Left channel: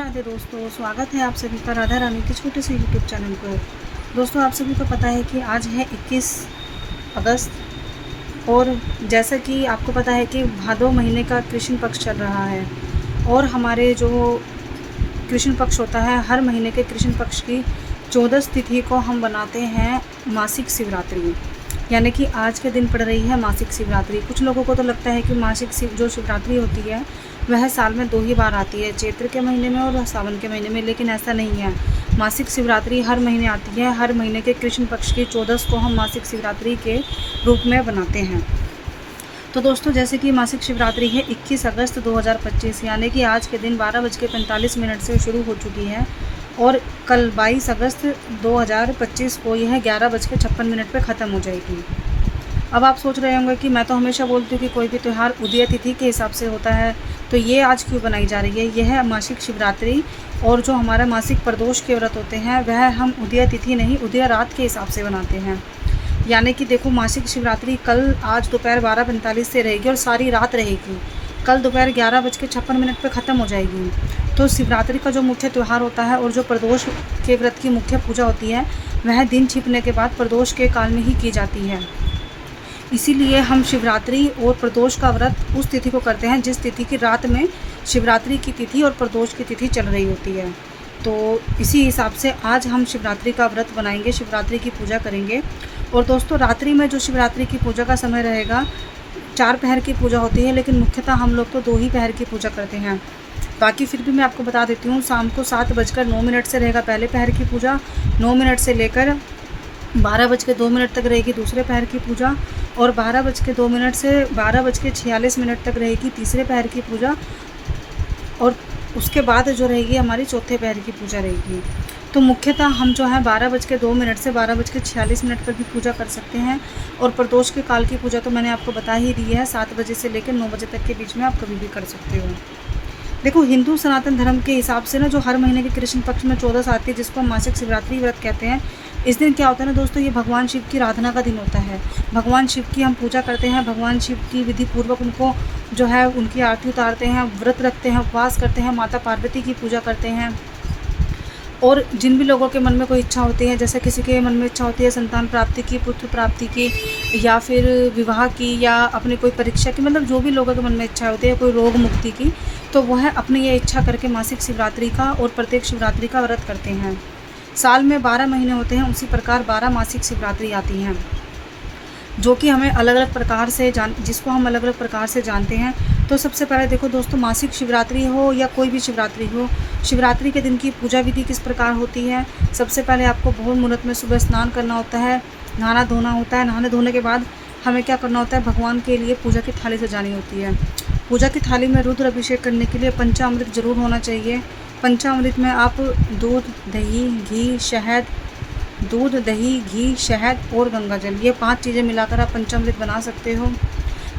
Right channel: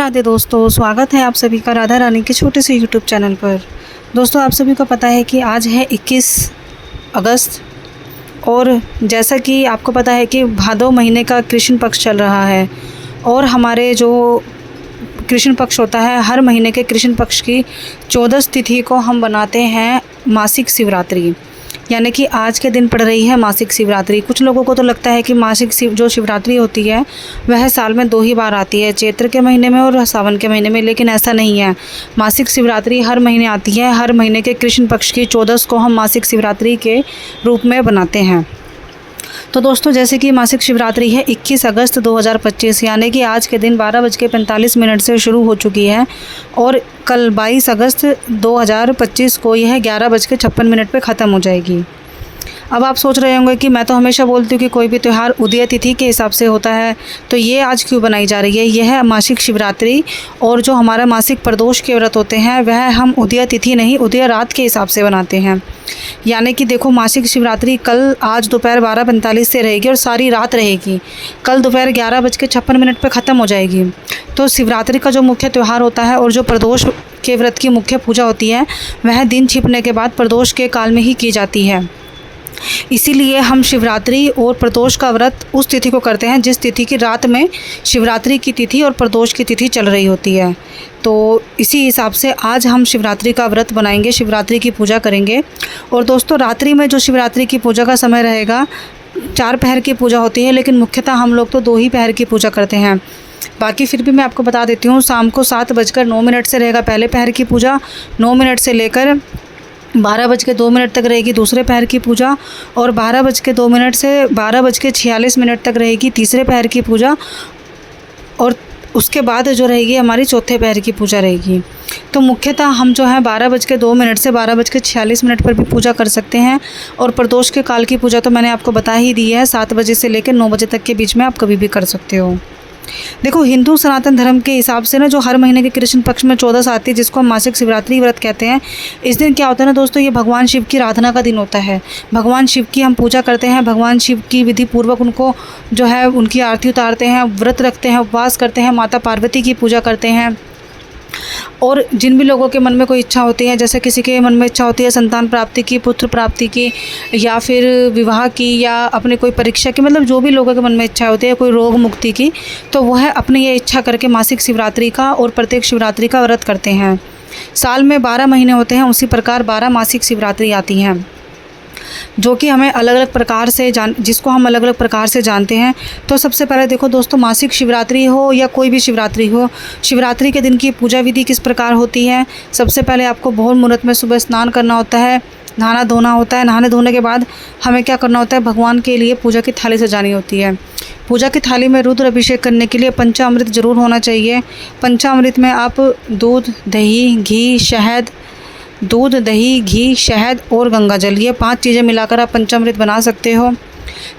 राधे दोस्तों, स्वागत है आप सभी का राधा रानी के छोटे से यूट्यूब चैनल पर। दोस्तों, आप सभी को पता है कि आज है 21 अगस्त और जैसा कि आपको पता है कि भादो महीने का कृष्ण पक्ष चल रहा है और हमारे जो कृष्ण पक्ष होता है, हर महीने के कृष्ण पक्ष की 14 तिथि को हम बनाते हैं मासिक शिवरात्रि, यानी कि आज के दिन पड़ रही है मासिक शिवरात्रि। कुछ लोगों को तो लगता है कि जो शिवरात्रि होती है वह साल में 2 ही बार आती है, चैत्र के महीने में और सावन के महीने में, लेकिन ऐसा नहीं है। मासिक शिवरात्रि हर महीने आती है। हर महीने के कृष्ण पक्ष की 14 को हम मासिक शिवरात्रि के रूप में बनाते हैं। तो दोस्तों, जैसे कि मासिक शिवरात्रि है 21 अगस्त 2025, यानी कि आज के दिन 12:45 से शुरू हो चुकी है और कल 22 अगस्त 2025 को यह 11:56 पे ख़त्म हो जाएगी। अब आप सोच रहे होंगे कि मैं तो हमेशा बोलती हूँ कि कोई भी त्यौहार उदय तिथि के हिसाब से होता है, तो ये आज क्यों बनाई जा रही है। यह है मासिक शिवरात्रि और जो हमारा मासिक प्रदोष के व्रत होते हैं वह हम उदय तिथि नहीं, उदय रात के हिसाब से बनाते हैं। यानी कि देखो, मासिक शिवरात्रि आज दोपहर 12:45 से रहेगी और सारी रात रहेगी। कल दोपहर 11:56 पे ख़त्म हो जाएगी। तो शिवरात्रि का जो मुख्य त्यौहार होता है और जो प्रदोष के व्रत की मुख्य पूजा होती है वह दिन छिपने के बाद प्रदोष के काल में ही की जाती है। इसीलिए हम शिवरात्रि और प्रदोष का व्रत उस तिथि को करते हैं जिस तिथि की रात में शिवरात्रि की तिथि और प्रदोष की तिथि चल रही होती है। तो इसी हिसाब से आज हम शिवरात्रि का व्रत बनाएंगे, शिवरात्रि की पूजा करेंगे। और दोस्तों, रात्रि में जो शिवरात्रि की पूजा का समय रहेगा, 4 पहर की पूजा होती है, लेकिन मुख्यतः हम लोग तो 2 ही पहर की पूजा करते हैं। बाकी फिर भी मैं आपको बता देती हूँ, शाम को 7:09 से रहेगा पहले पहर की पूजा, 9 मिनट से लेकर 12:02 तक रहेगी दूसरे पहर की पूजा और 12:02 से 12:46 तक रहेगी तीसरे पहर की पूजा और उसके बाद जो रहेगी हमारी चौथे पहर की पूजा रहेगी। तो मुख्यतः हम जो है 12:02 से 12:46 पर भी पूजा कर सकते हैं और प्रदोष के काल की पूजा तो मैंने आपको बता ही दी है, 7 बजे से लेकर 9 बजे तक के बीच में आप कभी भी कर सकते हो। देखो, हिंदू सनातन धर्म के हिसाब से ना जो हर महीने के कृष्ण पक्ष में 14 आती है, जिसको हम मासिक शिवरात्रि व्रत कहते हैं, इस दिन क्या होता है ना दोस्तों, ये भगवान शिव की आराधना का दिन होता है। भगवान शिव की हम पूजा करते हैं, भगवान शिव की विधि पूर्वक उनको जो है उनकी आरती उतारते हैं, व्रत रखते हैं, उपवास करते हैं, माता पार्वती की पूजा करते हैं। और जिन भी लोगों के मन में कोई इच्छा होती है, जैसे किसी के मन में इच्छा होती है संतान प्राप्ति की, पुत्र प्राप्ति की, या फिर विवाह की, या अपने कोई परीक्षा की, मतलब जो भी लोगों के मन में इच्छा होती है, कोई रोग मुक्ति की, तो वह अपनी ये इच्छा करके मासिक शिवरात्रि का और प्रत्येक शिवरात्रि का व्रत करते हैं। साल में 12 महीने होते हैं, उसी प्रकार 12 मासिक शिवरात्रि आती हैं, जो कि हमें अलग अलग प्रकार से जिसको हम अलग अलग प्रकार से जानते हैं। तो सबसे पहले देखो दोस्तों, मासिक शिवरात्रि हो या कोई भी शिवरात्रि हो, शिवरात्रि के दिन की पूजा विधि किस प्रकार होती है। सबसे पहले आपको बहुत मुहूर्त में सुबह स्नान करना होता है, नहाना धोना होता है। नहाने धोने के बाद हमें क्या करना होता है, भगवान के लिए पूजा की थाली सजानी होती है। पूजा की थाली में रुद्र अभिषेक करने के लिए पंचामृत जरूर होना चाहिए। पंचामृत में आप दूध, दही, घी, शहद और गंगा जल, ये 5 चीज़ें मिलाकर आप पंचामृत बना सकते हो।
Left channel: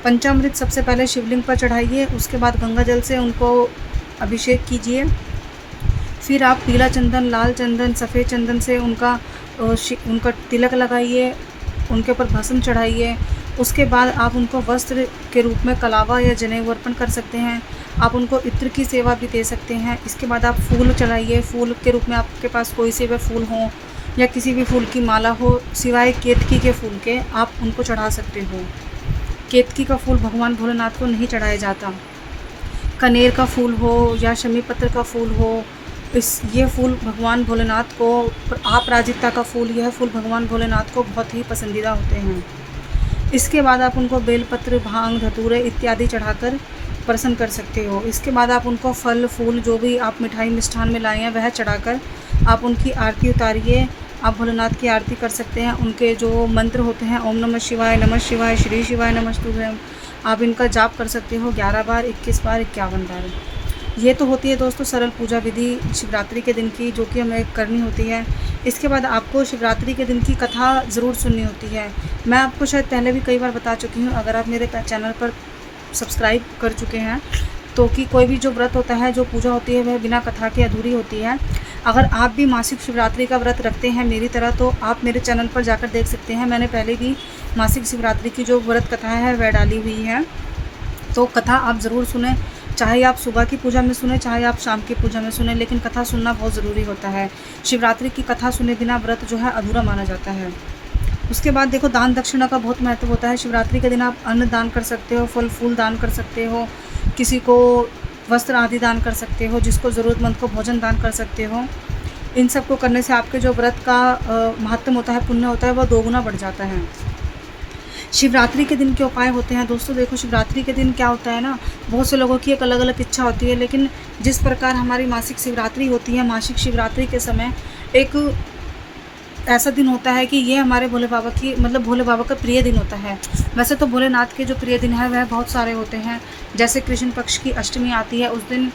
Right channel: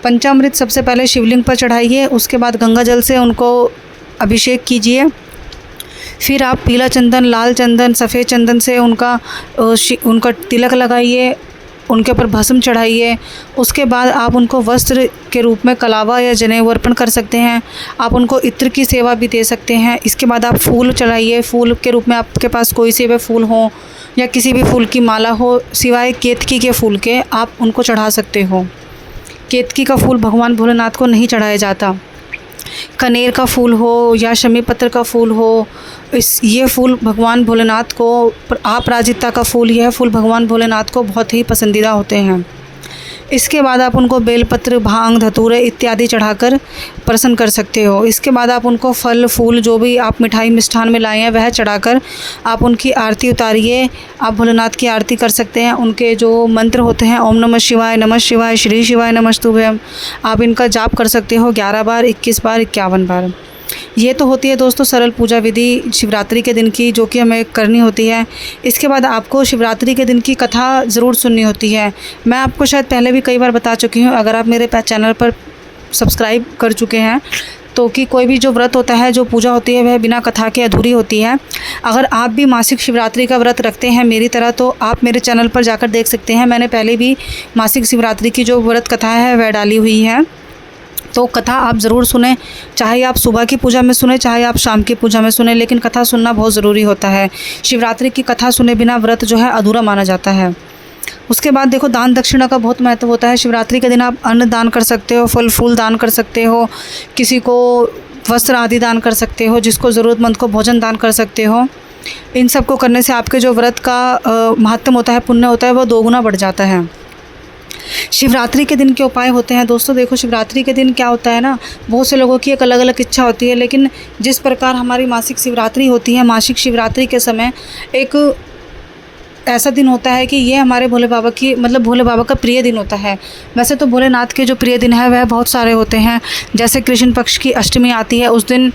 पंचामृत सबसे पहले शिवलिंग पर चढ़ाइए, उसके बाद गंगा जल से उनको अभिषेक कीजिए। फिर आप पीला चंदन, लाल चंदन, सफ़ेद चंदन से उनका तिलक लगाइए, उनके ऊपर भस्म चढ़ाइए। उसके बाद आप उनको वस्त्र के रूप में कलावा या जनेऊ अर्पण कर सकते हैं। आप उनको इत्र की सेवा भी दे सकते हैं। इसके बाद आप फूल चढ़ाइए, फूल के रूप में आपके पास कोई से भी फूल हो या किसी भी फूल की माला हो, सिवाय केतकी के फूल के आप उनको चढ़ा सकते हो। केतकी का फूल भगवान भोलेनाथ को नहीं चढ़ाया जाता। कनेर का फूल हो या शमी पत्र का फूल हो, ये फूल भगवान भोलेनाथ को, अपराजिता का फूल, यह फूल भगवान भोलेनाथ को बहुत ही पसंदीदा होते हैं। इसके बाद आप उनको बेलपत्र, भांग, धतूरे इत्यादि चढ़ाकर प्रसन्न कर सकते हो। इसके बाद आप उनको फल फूल, जो भी आप मिठाई मिष्ठान में लाए हैं वह चढ़ाकर आप उनकी आरती उतारिए। आप भोलेनाथ की आरती कर सकते हैं। उनके जो मंत्र होते हैं, ओम नमः शिवाय, श्री शिवाय नमस्तुभ्यम, आप इनका जाप कर सकते हो 11 बार, 21 बार, 51 बार। ये तो होती है दोस्तों सरल पूजा विधि शिवरात्रि के दिन की, जो कि हमें करनी होती है। इसके बाद आपको शिवरात्रि के दिन की कथा ज़रूर सुननी होती है। मैं आपको शायद पहले भी कई बार बता चुकी हूँ, अगर आप मेरे चैनल पर सब्सक्राइब कर चुके हैं, तो कि कोई भी जो व्रत होता है, जो पूजा होती है, वह बिना कथा के अधूरी होती है। अगर आप भी मासिक शिवरात्रि का व्रत रखते हैं मेरी तरह, तो आप मेरे चैनल पर जाकर देख सकते हैं। मैंने पहले भी मासिक शिवरात्रि की जो व्रत कथा है वह डाली हुई है। तो कथा आप ज़रूर सुने, चाहे आप सुबह की पूजा में सुने, चाहे आप शाम की पूजा में सुने, लेकिन कथा सुनना बहुत ज़रूरी होता है। शिवरात्रि की कथा सुने बिना व्रत जो है अधूरा माना जाता है। उसके बाद देखो, दान दक्षिणा का बहुत महत्व होता है। शिवरात्रि के दिन आप अन्न दान कर सकते हो, फल फूल दान कर सकते हो, किसी को वस्त्र आदि दान कर सकते हो, जिसको ज़रूरतमंद को भोजन दान कर सकते हो। इन सब को करने से आपके जो व्रत का महात्म होता है, पुण्य होता है, वो दोगुना बढ़ जाता है। शिवरात्रि के दिन के उपाय होते हैं दोस्तों। देखो, शिवरात्रि के दिन क्या होता है ना, बहुत से लोगों की एक अलग अलग इच्छा होती है, लेकिन जिस प्रकार हमारी मासिक शिवरात्रि होती है, मासिक शिवरात्रि के समय एक ऐसा दिन होता है कि ये हमारे भोले बाबा की मतलब भोले बाबा का प्रिय दिन होता है। वैसे तो भोलेनाथ के जो प्रिय दिन है वह बहुत सारे होते हैं। जैसे कृष्ण पक्ष की अष्टमी आती है, उस दिन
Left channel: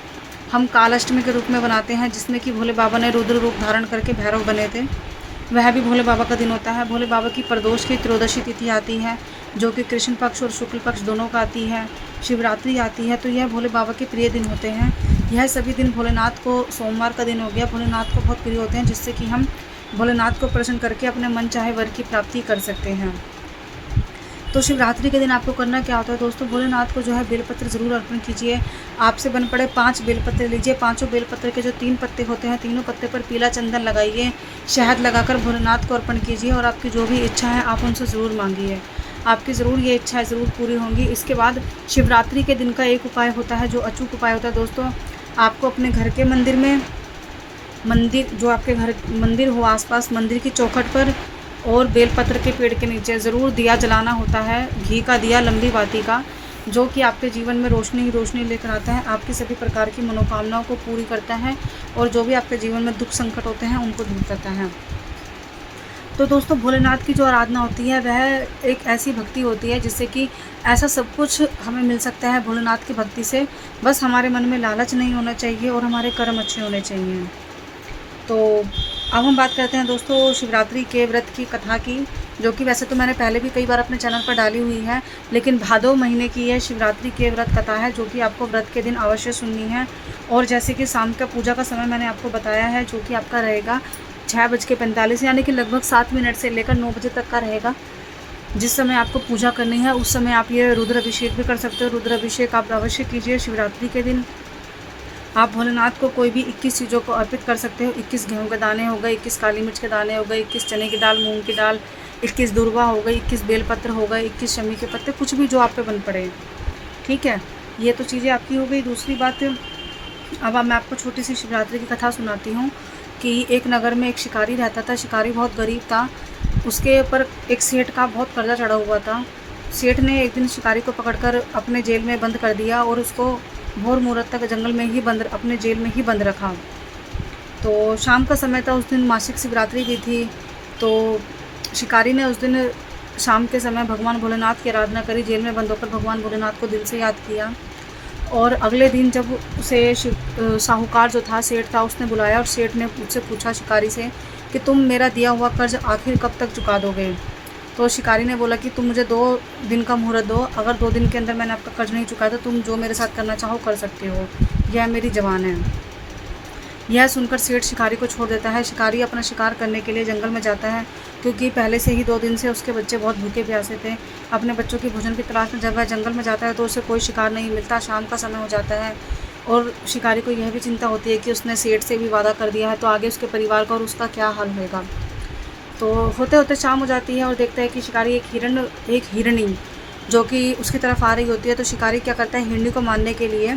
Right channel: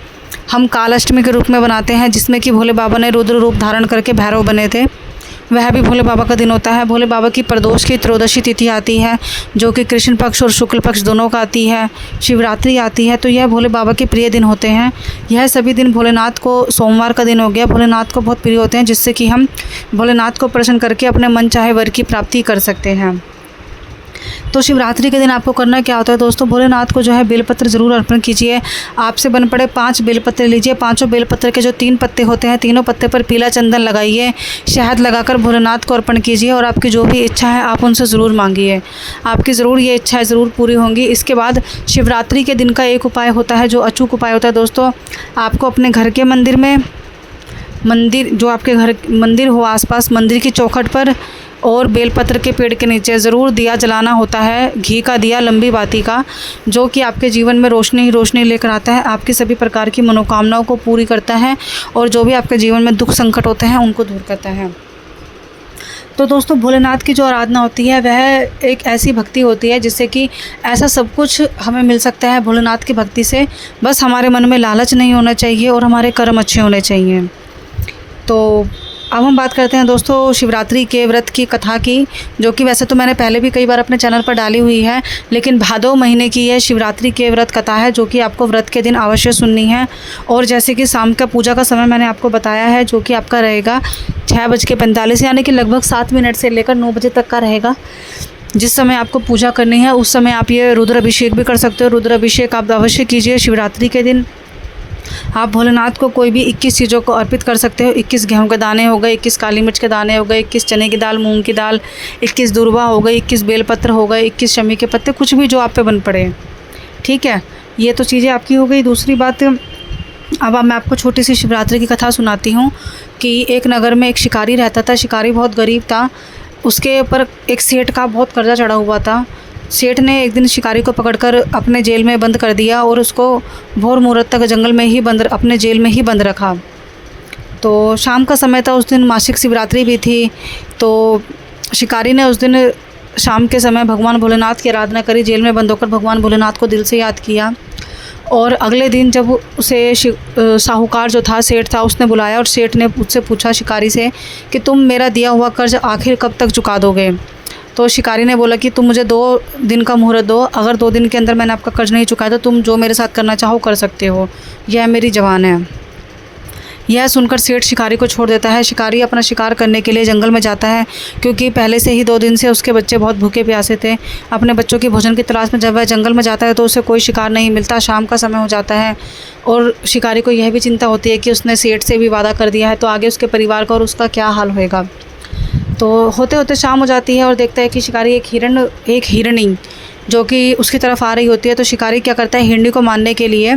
हम काल अष्टमी के रूप में बनाते हैं, जिसमें कि भोले बाबा ने रुद्र रूप धारण करके भैरव बने थे। वह भी भोले बाबा का दिन होता है। भोले बाबा की प्रदोष की त्रयोदशी तिथि आती है, जो कि कृष्ण पक्ष और शुक्ल पक्ष दोनों का आती है। शिवरात्रि आती है, तो यह भोले बाबा के प्रिय दिन होते हैं। यह सभी दिन भोलेनाथ को, सोमवार का दिन हो गया, भोलेनाथ को बहुत प्रिय होते हैं, जिससे कि हम भोलेनाथ को प्रसन्न करके अपने मन चाहे वर की प्राप्ति कर सकते हैं। तो शिवरात्रि के दिन आपको करना क्या होता है दोस्तों, भोलेनाथ को जो है बेलपत्र ज़रूर अर्पण कीजिए। आपसे बन पड़े 5 बेलपत्र लीजिए। 5 बेलपत्र के जो 3 पत्ते होते हैं, तीनों पत्ते पर पीला चंदन लगाइए, शहद लगाकर भोलेनाथ को अर्पण कीजिए और आपकी जो भी इच्छा है आप उनसे ज़रूर मांगिए। आपकी ज़रूर ये इच्छाएँ ज़रूर पूरी होंगी। इसके बाद शिवरात्रि के दिन का एक उपाय होता है, जो अचूक उपाय होता है दोस्तों। आपको अपने घर के मंदिर जो आपके घर मंदिर हो, आसपास मंदिर की चौखट पर और बेलपत्र के पेड़ के नीचे ज़रूर दिया जलाना होता है, घी का दिया, लंबी बाती का, जो कि आपके जीवन में रोशनी ही रोशनी लेकर आता है, आपकी सभी प्रकार की मनोकामनाओं को पूरी करता है और जो भी आपके जीवन में दुख संकट होते हैं उनको दूर करता है। तो दोस्तों, भोलेनाथ की जो आराधना होती है वह एक ऐसी भक्ति होती है जिससे कि ऐसा सब कुछ हमें मिल सकता है भोलेनाथ की भक्ति से। बस हमारे मन में लालच नहीं होना चाहिए और हमारे कर्म अच्छे होने चाहिए। तो अब हम बात करते हैं दोस्तों शिवरात्रि के व्रत की कथा की, जो कि वैसे तो मैंने पहले भी कई बार अपने चैनल पर डाली हुई है, लेकिन भादो महीने की यह शिवरात्रि के व्रत कथा है, जो कि आपको व्रत के दिन अवश्य सुननी है। और जैसे कि शाम का पूजा का समय मैंने आपको बताया है, जो कि आपका रहेगा 6:45, यानी कि लगभग 7 मिनट से लेकर 9 बजे तक का रहेगा। जिस समय आपको पूजा करनी है उस समय आप ये रुद्र अभिषेक भी कर सकते हो। रुद्र अभिषेक आप अवश्य कीजिए शिवरात्रि के दिन। आप भोलेनाथ को कोई भी 21 चीज़ों को अर्पित कर सकते हो। 21 गेहूं के दाने हो गए, 21 काली मिर्च के दाने हो गए, 21 चने की दाल, मूंग की दाल, 21 दूर्वा हो गई, 21 बेलपत्र हो गए, 21 शमी के पत्ते, कुछ भी जो आप पे बन पड़े। ठीक है, ये तो चीज़ें आपकी हो गई। दूसरी बात, अब मैं आपको छोटी सी शिवरात्रि की कथा सुनाती हूँ कि एक नगर में एक शिकारी रहता था। शिकारी बहुत गरीब था, उसके ऊपर एक सेठ का बहुत कर्जा चढ़ा हुआ था। सेठ ने एक दिन शिकारी को पकड़कर अपने जेल में बंद कर दिया और उसको भोर मुहूर्त तक जंगल में ही अपने जेल में ही बंद रखा। तो शाम का समय था, उस दिन मासिक शिवरात्रि भी थी। तो शिकारी ने उस दिन शाम के समय भगवान भोलेनाथ की आराधना करी, जेल में बंद होकर भगवान भोलेनाथ को दिल से याद किया। और अगले दिन जब उसे साहूकार जो था, सेठ था, उसने बुलाया और सेठ ने उससे पूछा शिकारी से कि तुम मेरा दिया हुआ कर्ज आखिर कब तक चुका दोगे। तो शिकारी ने बोला कि तुम मुझे 2 दिन का मुहूर्त दो, अगर 2 दिन के अंदर मैंने आपका कर्ज नहीं चुकाया तो तुम जो मेरे साथ करना चाहो कर सकते हो, यह मेरी जवान है। यह सुनकर सेठ शिकारी को छोड़ देता है। शिकारी अपना शिकार करने के लिए जंगल में जाता है, क्योंकि पहले से ही 2 दिन से उसके बच्चे बहुत भूखे प्यासे थे। अपने बच्चों की भोजन की तलाश में जब वह जंगल में जाता है तो उसे कोई शिकार नहीं मिलता। शाम का समय हो जाता है और शिकारी को यह भी चिंता होती है कि उसने सेठ से भी वादा कर दिया है, तो आगे उसके परिवार का और उसका क्या हाल होएगा। तो होते होते शाम हो जाती है और देखता है कि शिकारी एक हिरणी जो कि उसकी तरफ आ रही होती है। तो शिकारी क्या करता है, हिरणी को मारने के लिए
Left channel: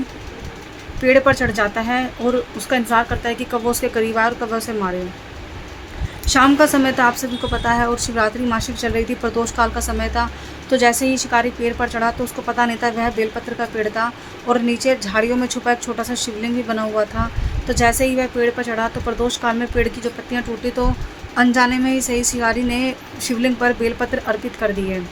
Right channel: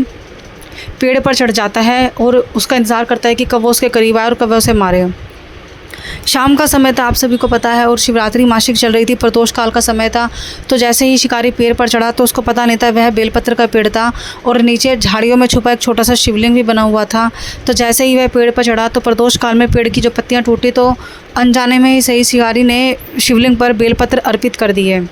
पेड़ पर चढ़ जाता है और उसका इंतज़ार करता है कि कब वो उसके करीब आए और कब वो उसे मारे। शाम का समय था, आप सभी को पता है, और शिवरात्रि मासिक चल रही थी, प्रदोष काल का समय था। तो जैसे ही शिकारी पेड़ पर चढ़ा तो उसको पता नहीं था वह बेलपत्र का पेड़ था और नीचे झाड़ियों में छुपा एक छोटा सा शिवलिंग भी बना हुआ था। तो जैसे ही वह पेड़ पर चढ़ा तो प्रदोष काल में पेड़ की जो पत्तियां टूटी, तो अनजाने में ही सही शिकारी ने शिवलिंग पर बेलपत्र अर्पित कर दिए।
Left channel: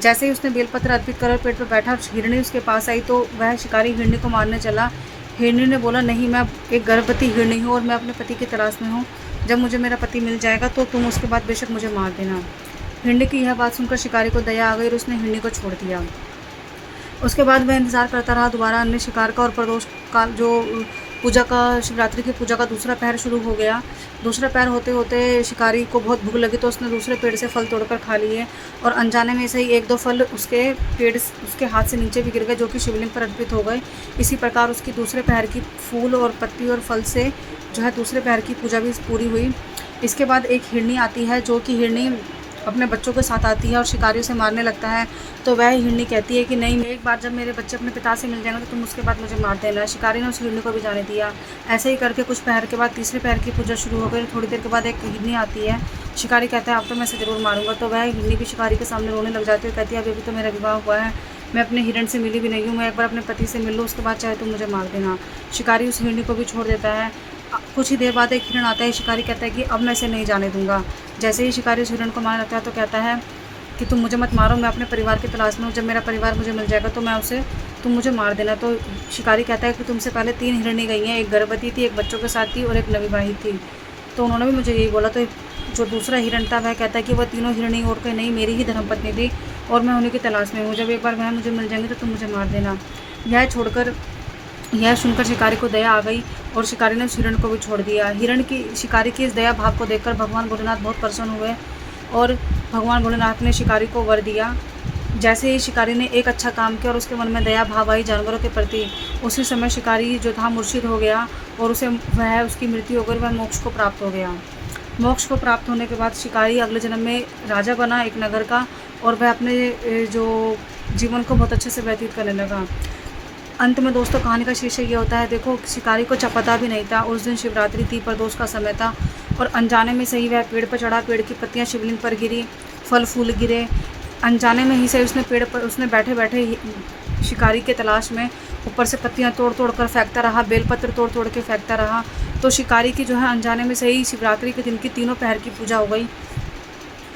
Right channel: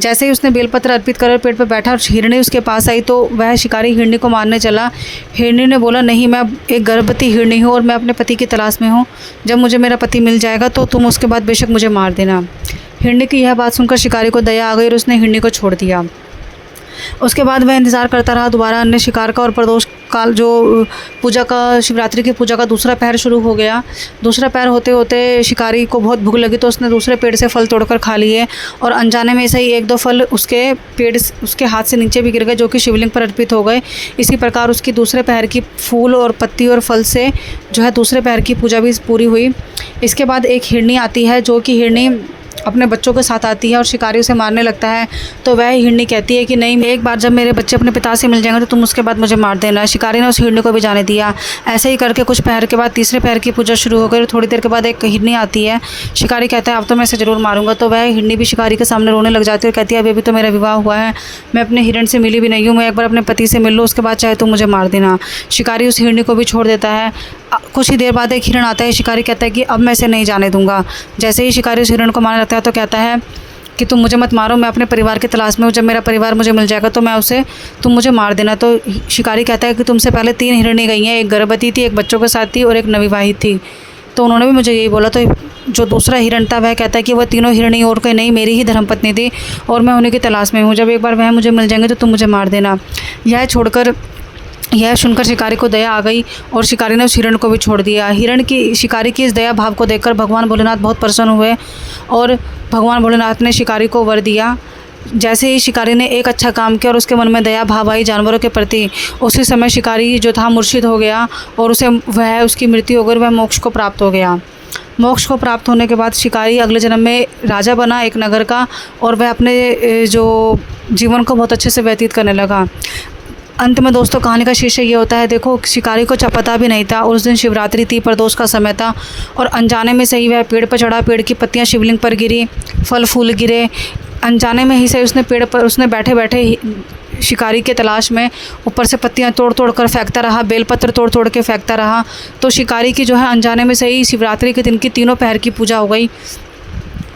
जैसे ही उसने बेलपत्र अर्पित कर पेड़ पर बैठा और हिरणी उसके पास आई, तो वह शिकारी हिरणी को मारने चला। हिरणी ने बोला, नहीं, मैं एक गर्भवती हिरणी हूँ और मैं अपने पति की तलाश में हूँ। जब मुझे मेरा पति मिल जाएगा तो तुम उसके बाद बेशक मुझे मार देना। हिरणी की यह बात सुनकर शिकारी को दया आ गई और उसने हिरणी को छोड़ दिया। उसके बाद वह इंतज़ार करता रहा दोबारा अन्य शिकार का, और प्रदोष काल जो पूजा का, शिवरात्रि की पूजा का दूसरा पहर शुरू हो गया। दूसरा पहर होते होते शिकारी को बहुत भूख लगी तो उसने दूसरे पेड़ से फल तोड़कर खा लिए और अनजाने में से ही 1-2 फल उसके हाथ से नीचे भी गिर गए, जो कि शिवलिंग पर अर्पित हो गए। इसी प्रकार उसकी दूसरे पहर की फूल और पत्ती और फल से जो है दूसरे पहर की पूजा भी पूरी हुई। इसके बाद एक हिरनी आती है, जो कि हिरनी अपने बच्चों के साथ आती है और शिकारी उसे मारने लगता है। तो वह हिरनी कहती है कि नहीं, एक बार जब मेरे बच्चे अपने पिता से मिल जाएंगे तो तुम उसके बाद मुझे मार देना। शिकारी ने उस हिरनी को भी जाने दिया। ऐसे ही करके कुछ पहर के बाद तीसरे पहर की पूजा शुरू हो गई और थोड़ी देर के बाद एक हिरनी आती है। शिकारी कहता है अब तो मैं इसे ज़रूर मारूंगा। तो वह हिरनी भी शिकारी के सामने रोने लग जाती है और कहती है अभी तो मेरा विवाह हुआ है, मैं अपने हिरण से मिली भी नहीं हूँ, मैं एक बार अपने पति से मिल लूँ, उसके बाद चाहे तो मुझे मार देना। शिकारी उस हिरनी को भी छोड़ देता है। कुछ ही देर बाद एक हिरण आता है। शिकारी कहता है कि अब मैं इसे नहीं जाने दूंगा। जैसे ही शिकारी उस हिरण को मारने लगता है तो कहता है कि तुम मुझे मत मारो, मैं अपने परिवार की तलाश में हूँ, जब मेरा परिवार मुझे मिल जाएगा तो तुम मुझे मार देना। तो शिकारी कहता है कि तुमसे पहले 3 हिरणी गई हैं, एक गर्भवती थी, एक बच्चों के साथ थी और एक नवविवाहित थी, तो उन्होंने भी मुझे यही बोला। तो जो दूसरा हिरण था वह कहता है कि वह तीनों हिरणी और कोई नहीं, मेरी ही धर्मपत्नी थी और मैं उन्हीं की तलाश में हूँ, जब एक बार वह मुझे मिल जाएंगे तो तुम मुझे मार देना। यह सुनकर शिकारी को दया आ गई और शिकारी ने उस हिरण को भी छोड़ दिया। शिकारी की इस दया भाव को देखकर भगवान भोलेनाथ बहुत प्रसन्न हुए और भगवान भोलेनाथ ने शिकारी को वर दिया। जैसे ही शिकारी ने एक अच्छा काम किया और उसके मन में दया भाव आई जानवरों के प्रति, उसी समय शिकारी जो था मुर्शिद हो गया और उसकी मृत्यु हो गई, वह मोक्ष को प्राप्त हो गया। मोक्ष को प्राप्त होने के बाद शिकारी अगले जन्म में राजा बना एक नगर का और वह अपने जो जीवन को बहुत अच्छे से व्यतीत करने लगा। अंत में दोस्तों कहानी का शीर्षक ये होता है, देखो शिकारी को पता भी नहीं था और उस दिन शिवरात्रि थी, प्रदोष का समय था और अनजाने में से ही वह पेड़ पर चढ़ा। पेड़ की पत्तियां शिवलिंग पर गिरी, फल फूल गिरे। अनजाने में ही से उसने बैठे बैठे शिकारी के तलाश में ऊपर से पत्तियां तोड़ तोड़ कर फेंकता रहा, बेलपत्र तोड़ तोड़ के फेंकता रहा। तो शिकारी की जो है अनजाने में से ही शिवरात्रि के दिन की तीनों पहर की पूजा हो गई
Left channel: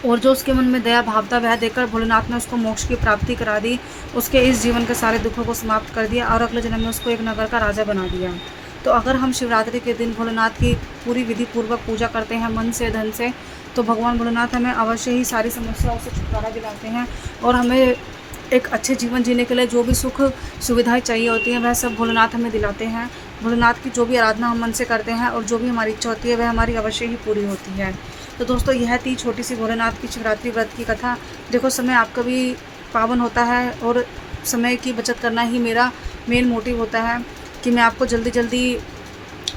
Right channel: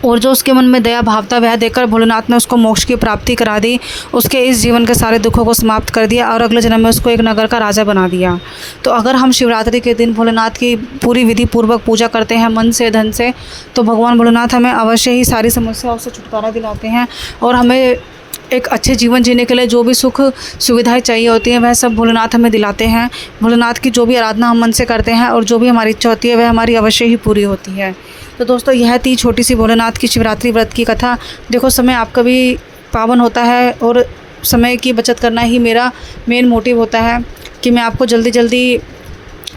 और जो उसके मन में दया भाव था वह देखकर भोलेनाथ ने उसको मोक्ष की प्राप्ति करा दी, उसके इस जीवन के सारे दुखों को समाप्त कर दिया और अगले जन्म में उसको एक नगर का राजा बना दिया। तो अगर हम शिवरात्रि के दिन भोलेनाथ की पूरी विधि पूर्वक पूजा करते हैं मन से धन से, तो भगवान भोलेनाथ हमें अवश्य ही सारी समस्याओं से छुटकारा दिलाते हैं और हमें एक अच्छे जीवन जीने के लिए जो भी सुख सुविधाएं चाहिए होती हैं वह सब भोलेनाथ हमें दिलाते हैं। भोलेनाथ की जो भी आराधना हम मन से करते हैं और जो भी हमारी इच्छा होती है वह हमारी अवश्य ही पूरी होती है। तो दोस्तों यह थी छोटी सी भोलेनाथ की शिवरात्रि व्रत की कथा। देखो समय आपका भी पावन होता है और समय की बचत करना ही मेरा मेन मोटिव होता है कि मैं आपको जल्दी जल्दी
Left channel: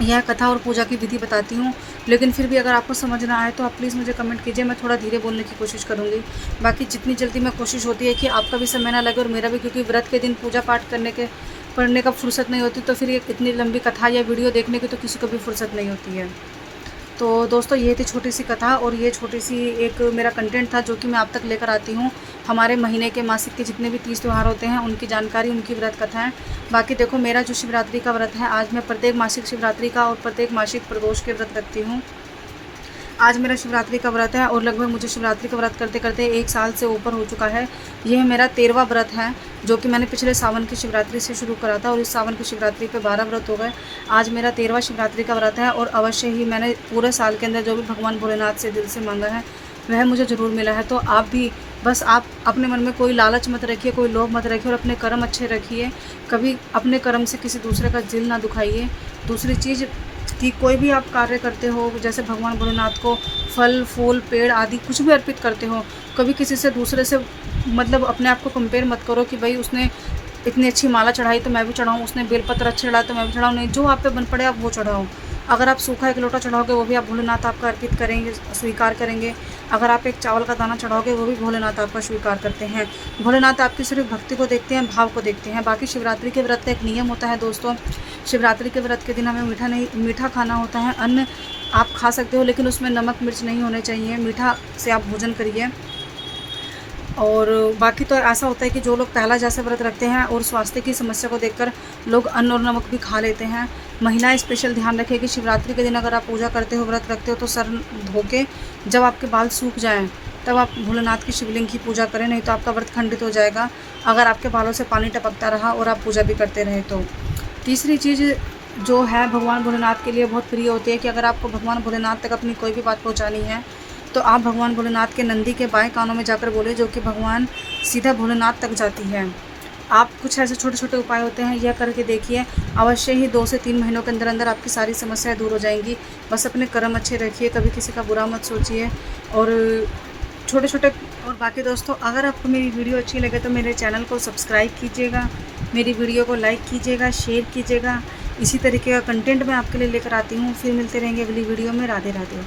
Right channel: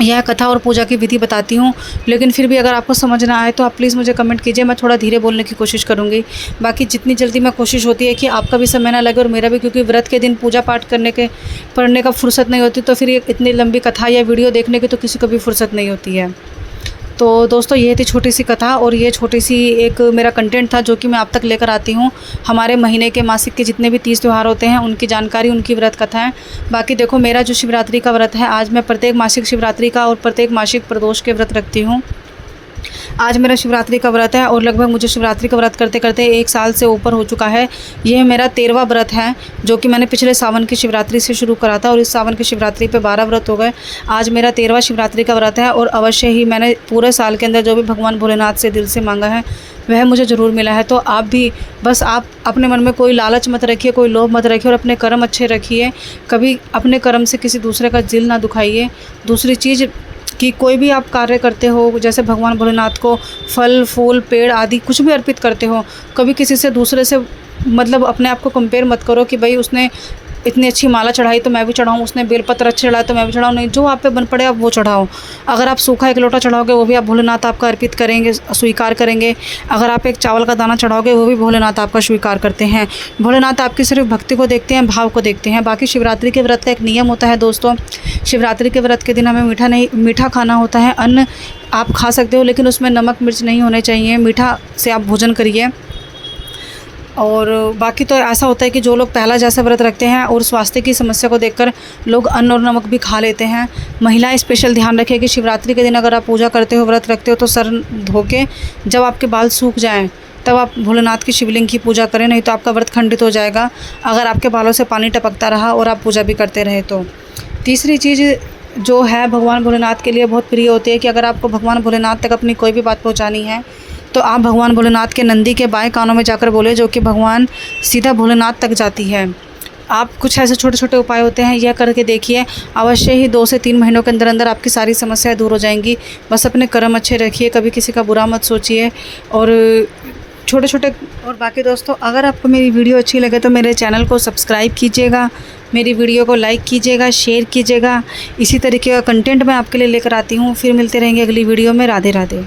यह कथा और पूजा की विधि बताती हूँ। लेकिन फिर भी अगर आपको समझ ना आए तो आप प्लीज़ मुझे कमेंट कीजिए, मैं थोड़ा धीरे बोलने की कोशिश करूँगी। बाकी जितनी जल्दी मैं कोशिश होती है कि आपका भी समय ना लगे और मेरा भी, क्योंकि व्रत के दिन पूजा पाठ पढ़ने का फुर्सत नहीं होती, तो फिर इतनी लंबी कथा या वीडियो देखने की तो किसी को भी फुर्सत नहीं होती है। तो दोस्तों ये थी छोटी सी कथा और ये छोटी सी एक मेरा कंटेंट था जो कि मैं आप तक लेकर आती हूँ। हमारे महीने के मासिक के जितने भी 30 त्यौहार होते हैं उनकी जानकारी, उनकी व्रत कथाएं। बाकी देखो मेरा जो शिवरात्रि का व्रत है, आज मैं प्रत्येक मासिक शिवरात्रि का और प्रत्येक मासिक प्रदोष के व्रत रखती हूँ। आज मेरा शिवरात्रि का व्रत है और लगभग मुझे शिवरात्रि का व्रत करते करते 1 साल से ऊपर हो चुका है। यह मेरा 13वां व्रत है जो कि मैंने पिछले सावन की शिवरात्रि से शुरू करा था और इस सावन की शिवरात्रि पे 12 व्रत हो गए। आज मेरा 13वां शिवरात्रि का व्रत है और अवश्य ही मैंने पूरे साल के अंदर जो भी भगवान भोलेनाथ से दिल से मांगा है वह मुझे ज़रूर मिला है। तो आप भी बस आप अपने मन में कोई लालच मत रखिए, कोई लोभ मत रखिए और अपने कर्म अच्छे रखिए। कभी अपने कर्म से किसी दूसरे का दिल ना दुखाइए। दूसरी चीज़ कि कोई भी आप कार्य करते हो, जैसे भगवान भोलेनाथ को फल फूल पेड़ आदि कुछ भी अर्पित करते हो, कभी किसी से दूसरे से मतलब अपने आप को कंपेयर मत करो कि भाई उसने इतनी अच्छी माला चढ़ाई तो मैं भी चढ़ाऊँ, उसने बेलपत्र अच्छे चढ़ाए तो मैं भी चढ़ाऊँ। नहीं, जो आप पे बन पड़े आप वो चढ़ाओ। अगर आप सूखा 1 लोटा चढ़ाओगे वो भी आप भोलेनाथ आपका अर्पित करेंगे, स्वीकार करेंगे। अगर आप एक चावल का दाना चढ़ाओगे वो भी भोलेनाथ आपका स्वीकार करते हैं। भोलेनाथ आपकी सिर्फ भक्ति को देखते हैं, भाव को देखते हैं। बाकी शिवरात्रि के व्रत का एक नियम होता है दोस्तों, शिवरात्रि के व्रत के दिन हमें मीठा खाना होता है। अन्न आप खा सकते हो लेकिन उसमें नमक मिर्च नहीं होने चाहिए, मीठा से आप भोजन करिए। और बाकी तो ऐसा होता है कि जो लोग पहला जैसा व्रत रखते हैं और स्वास्थ्य की समस्या को देखकर लोग अन्न और नमक भी खा लेते हैं। महिलाएं स्पेशल ध्यान रखें कि शिवरात्रि के दिन अगर आप पूजा करते हो, व्रत रखते हो तो सर धो के जब आपके बाल सूख जाएं तब आप भोलेनाथ की शिवलिंग की पूजा करें, नहीं तो आपका व्रत खंडित हो जाएगा अगर आपके बालों से पानी टपकता रहा और आप पूजा भी करते रहे तो। तीसरी चीज़ जो है भगवान भोलेनाथ के लिए बहुत प्रिय होती है कि अगर आपको भगवान भोलेनाथ तक अपनी कोई भी बात पहुँचानी है तो आप भगवान भोलेनाथ के नंदी के बाएं कानों में जाकर बोले, जो कि भगवान सीधा भोलेनाथ तक जाती है। आप कुछ ऐसे छोटे छोटे उपाय होते हैं, यह करके देखिए, अवश्य ही 2 से 3 महीनों के अंदर अंदर आपकी सारी समस्याएं दूर हो जाएंगी। बस अपने कर्म अच्छे रखिए, कभी किसी का बुरा मत सोचिए और छोटे छोटे। और बाकी दोस्तों, अगर आपको मेरी वीडियो अच्छी लगे तो मेरे चैनल को सब्सक्राइब कीजिएगा, मेरी वीडियो को लाइक कीजिएगा, शेयर कीजिएगा। इसी तरीके का कंटेंट मैं आपके लिए लेकर आती हूँ। फिर मिलते रहेंगे अगली वीडियो में। राधे राधे।